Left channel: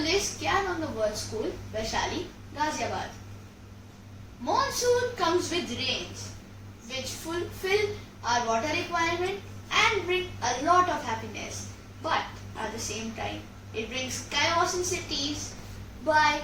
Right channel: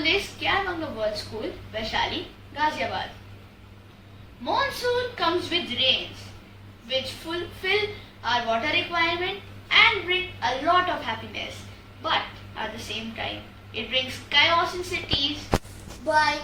school is Kyavango World School, Vaishali, Ghaziabad. Monsoon comes with rains, which fulfill our water requirement and bring a lot of happiness. But at the same time, it brings chaos in cities by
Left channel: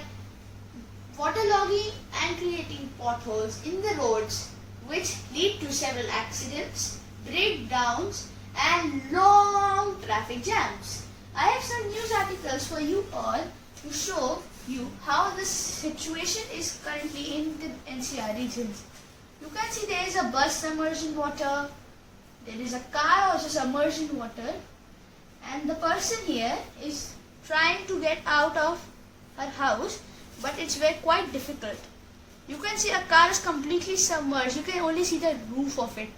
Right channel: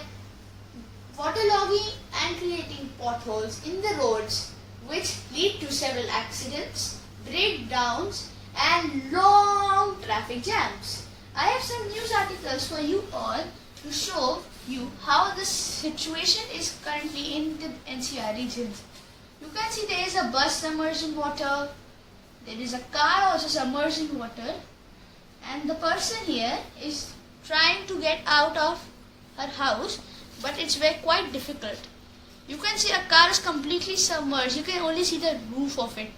waterlogging and creating potholes in the roads, which lead to several accidents, breakdowns, and long traffic jams. I have some news articles for you all to show you how the situation is currently in the NCR regions. You can see there is a bus submerged in water, there is a car also submerged in water, and the person here is trying to get out of her house, but it's very quite difficult. You can see a car is completely submerged, you can only see the roof of it.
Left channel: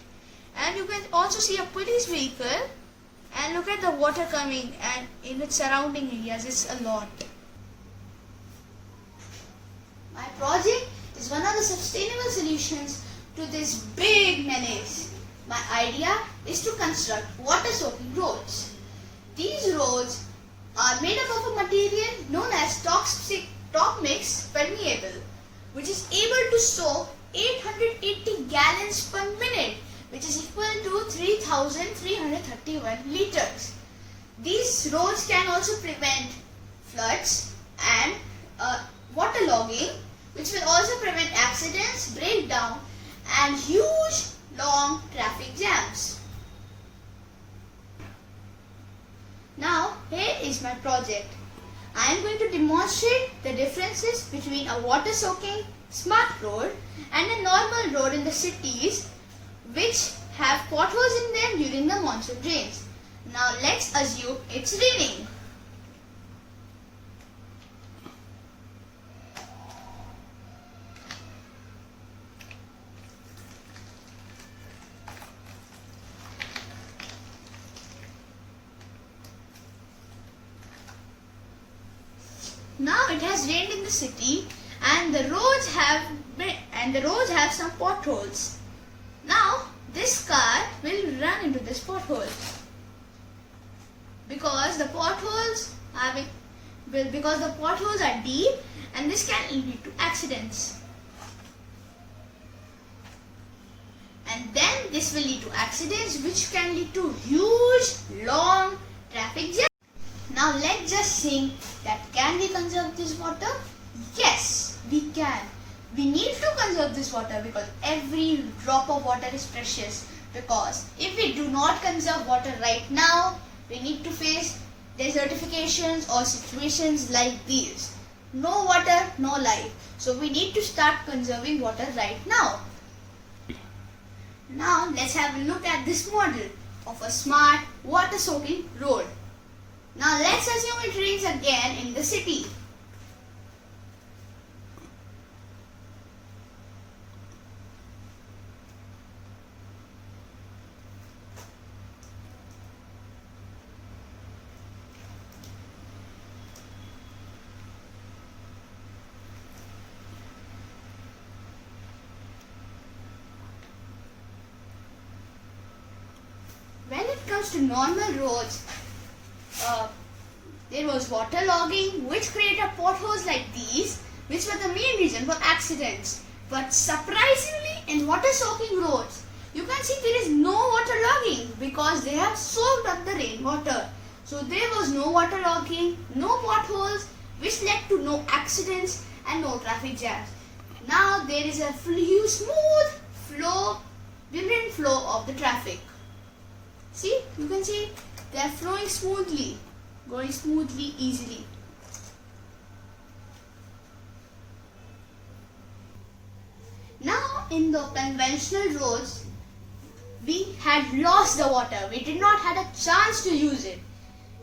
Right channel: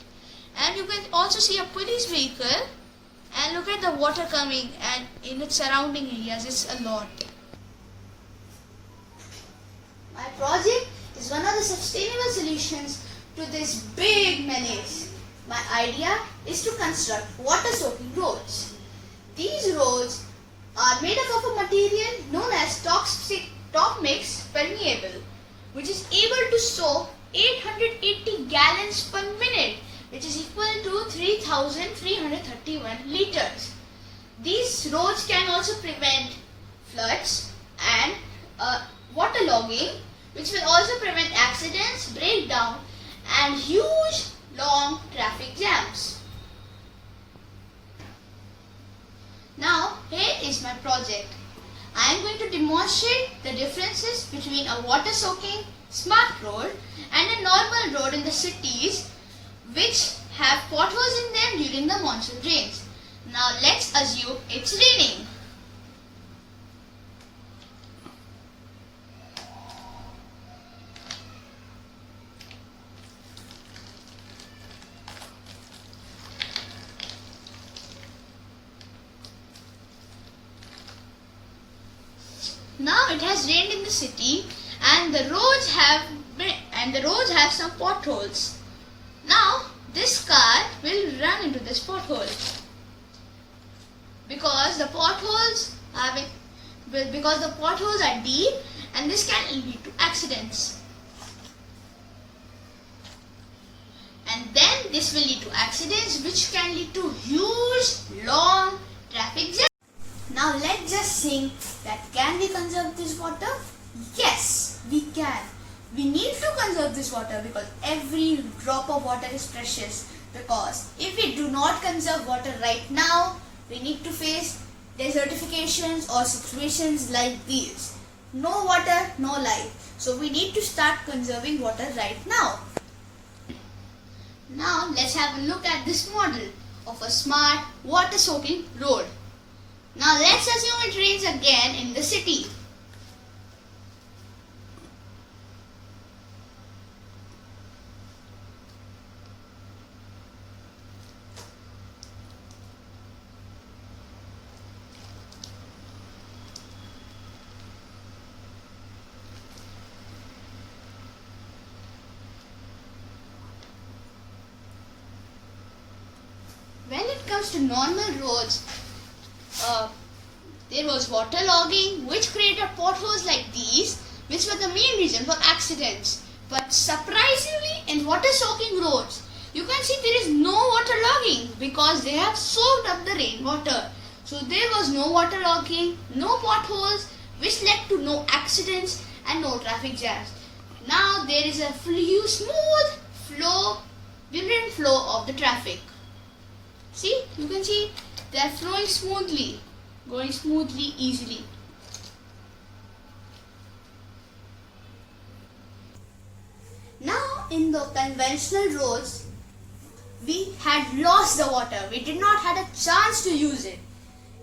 And you can also see a police vehicle, and look at the water coming, and in its surrounding areas it's a lot. My project is one of the sustainable solutions to this big menace. My idea is to construct water-soaking roads. These roads are made up of a material known as top mix permeable, which is able to soak 880 gallons per minute, which is equal to 3,331 liters. These roads can also prevent floods and waterlogging, which will also prevent accidents, breakdown, and huge long traffic jams. Now, here is my project. I am going to demonstrate the differences between a water-soaking smart road and a normal road in the cities, which have potholes in them during the monsoon rains. Now let's assume it's raining. Now it has rained in the city, and the roads have some potholes. Now this car will run into this pothole because the potholes are deep, and this can lead to accidents. And then this will lead to accidents, which can lead to huge long traffic jams. Now let's just think that can we conserve this water? Yes, we can. We need to conserve this water because every drop of water is precious. Because if we do not conserve water right now, we need to face desertifications or situations like these. No water, no life. So we need to start conserving water right now. Now let's have a look at this model of a smart water-soaking road. Now let's assume it rains again in the city. When it comes to normal roads, there was waterlogging, which created potholes like these, which were the main reason for accidents. But surprisingly, in water-soaking roads, you can see there is no waterlogging because they have soaked up the rainwater. So there was no waterlogging, no potholes, which led to no accidents and no traffic jams. Now there is a smooth flow, vibrant flow of the traffic. See, you can see they are flowing smoothly, going smoothly, easily. Now in the conventional roads, we had lost the water. We did not have a chance to use it.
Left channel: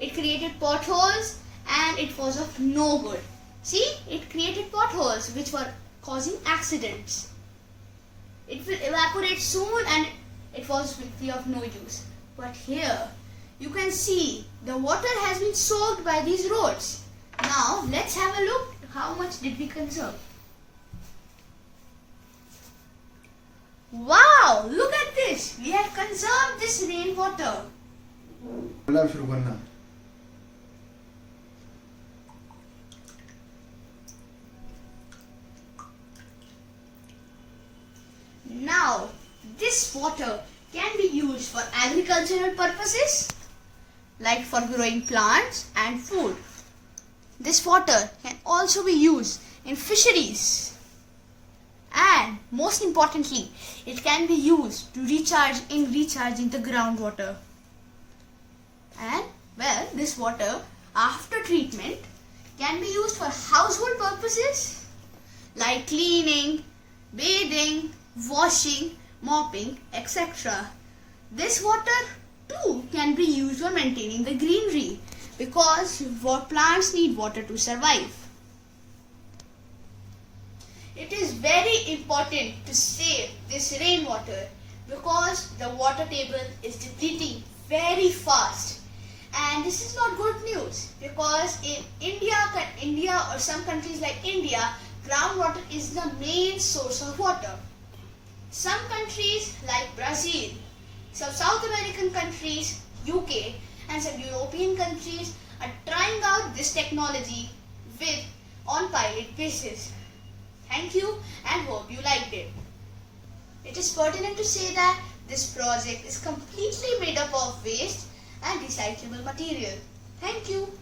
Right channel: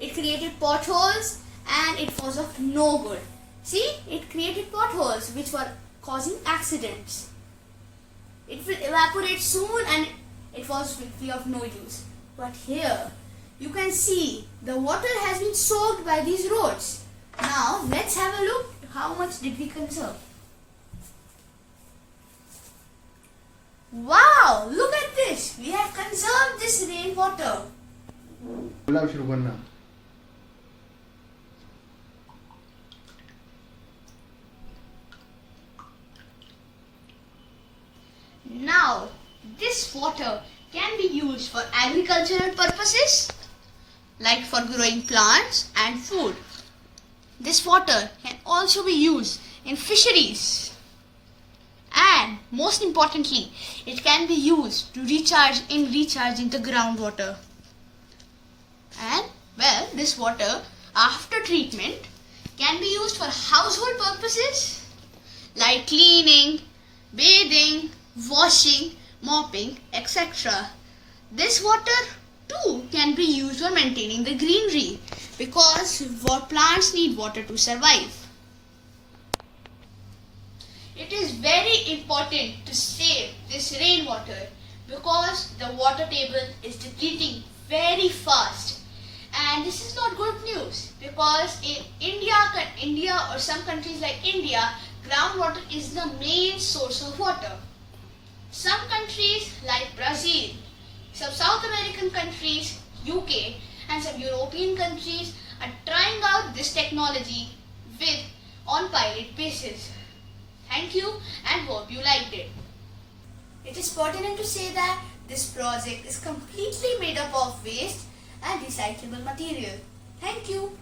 It created potholes and it was of no good. See, it created potholes which were causing accidents. It will evaporate soon and it will be of no use. But here, you can see the water has been soaked by these roads. Now, let's have a look how much did we conserve. Wow, look at this. We have conserved this rainwater. Now, this water can be used for agricultural purposes like for growing plants and food. This water can also be used in fisheries. And most importantly, it can be used to recharging the groundwater. And well, this water after treatment can be used for household purposes like cleaning, bathing, washing, mopping, etc. This water too can be used for maintaining the greenery because plants need water to survive. It is very important to save this rainwater because the water table is depleting very fast. And this is not good news because in India or some countries like India, groundwater is the main source of water. Some countries like Brazil, some South American countries, UK and some European countries are trying out this technology on pilot basis. Thank you and hope you liked it. It is pertinent to say that this project is completely made up of waste and recyclable material. Thank you.